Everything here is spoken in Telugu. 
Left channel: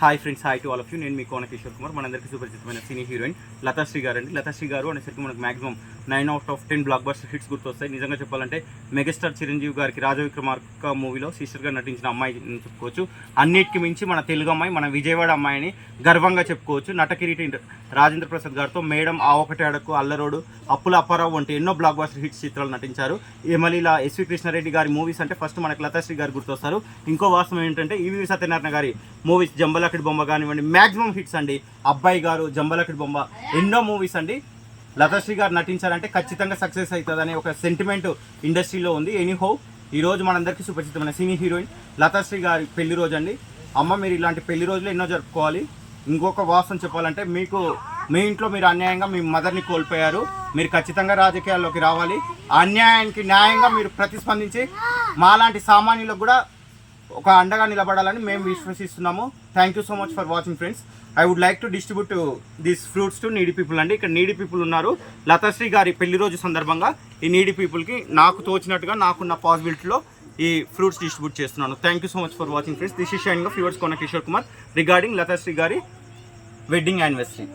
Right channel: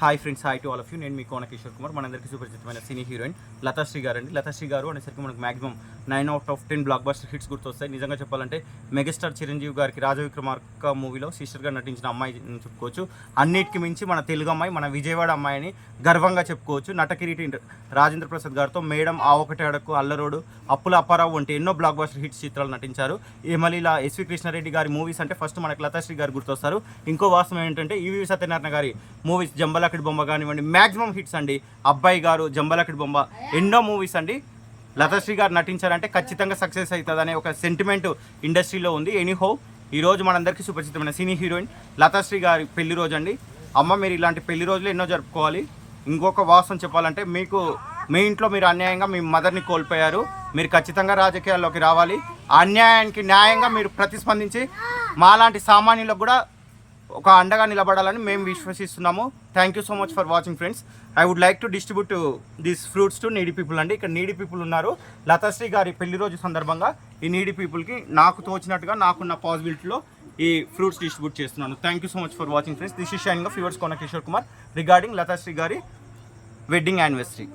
Hi friends, hi to all of you. నేను మీ కోన కిషోర్ కుమార్. మనందరికీ సుపరిచితమైన సినీ హీరోయిన్ లతాశ్రీ గారు అండి. లతాశ్రీ గారు అనేసరికి మనకు maximum 9 out of 10 block buster hits గుర్తొస్తాయి. నిజంగా చెప్పాలంటే మెగాస్టార్ చిరంజీవి గారికి రాజవిక్రమార్క మూవీలో సిస్టర్గా నటించిన అమ్మాయి చెప్పుకోవచ్చు. అన్నిటికీ మించి మన తెలుగు అమ్మాయి, మన విజయవాడ అమ్మాయిని గర్వంగా చెప్పుకోవచ్చు. నటకిరీటి రాజేంద్ర ప్రసాద్ గారితో మేడం, ఆ ఒకటి అడకు, అల్లరోడు, అప్పుల అప్పారావు వంటి ఎన్నో బ్లాక్ బస్టర్ హిట్స్ చిత్రాలు నటించారు. మళ్ళీ ఇలా ఎస్వి కృష్ణారెడ్డి గారి మూవీస్ అంటే ఫస్ట్ మనకు లతాశ్రీ గారు గుర్తొస్తారు. ఇంకో వాస్తవం ఏంటంటే ఈవి సత్యనారాయణ గారి మూవీస్ జంబలకిడి బొమ్మ కానివ్వండి, మ్యాక్సిమం హిట్స్ అండి. అబ్బాయి గారు, జంబలకిడి బొమ్మ, ఎన్నో మూవీస్ అండి. లతాశ్రీ గారు నటించారంటే ఖచ్చితంగా సక్సెస్ అవుతుంది అనే ఒక సెంటిమెంట్ ఇండస్ట్రీలో ఉంది. ఎనీహౌ ఈరోజు మనందరికీ సుపరిచితమైన సినీ హీరోయిన్ లతాశ్రీ గారి పెళ్లి రోజు అండి. అమ్మ, మీరు ఇలాంటి పెళ్లి రోజులు ఎన్నో జరుపుకోవాలి. ఇంకొక వాస్తవం చెప్పాలంటే, మీ ఇంట్లో మీరు అన్యాయంగా మీ మదర్ని కోల్పోయారు. మీరు ఖచ్చితంగా రాజకీయాల్లోకి రావాలి. అన్యాయానికి న్యాయంగా మీరు ప్రతిస్పందించి మాలాంటి సామాన్యులకు కూడా ఒక అండగా నిలబడాలని మేము విశ్వసిస్తున్నాము. Thank you so much for watching friends. I would like to distribute these fruits to needy people అండి. ఇక్కడ నీడీ పీపుల్ ఉన్నారు. లతాశ్రీ గారి పెళ్లి రోజు సందర్భంగా ఈ నీడీ పీపుల్కి నాకు తోచినట్టుగా నాకున్న పాసిబిలిటీలో ఈ ఫ్రూట్స్ డిస్ట్రిబ్యూట్ చేస్తున్నాను. Thank you so much for watching friends. This is signing off yours Kona Kishore Kumar regarding Lathasri గారి వెడ్డింగ్ యానివర్సరీ.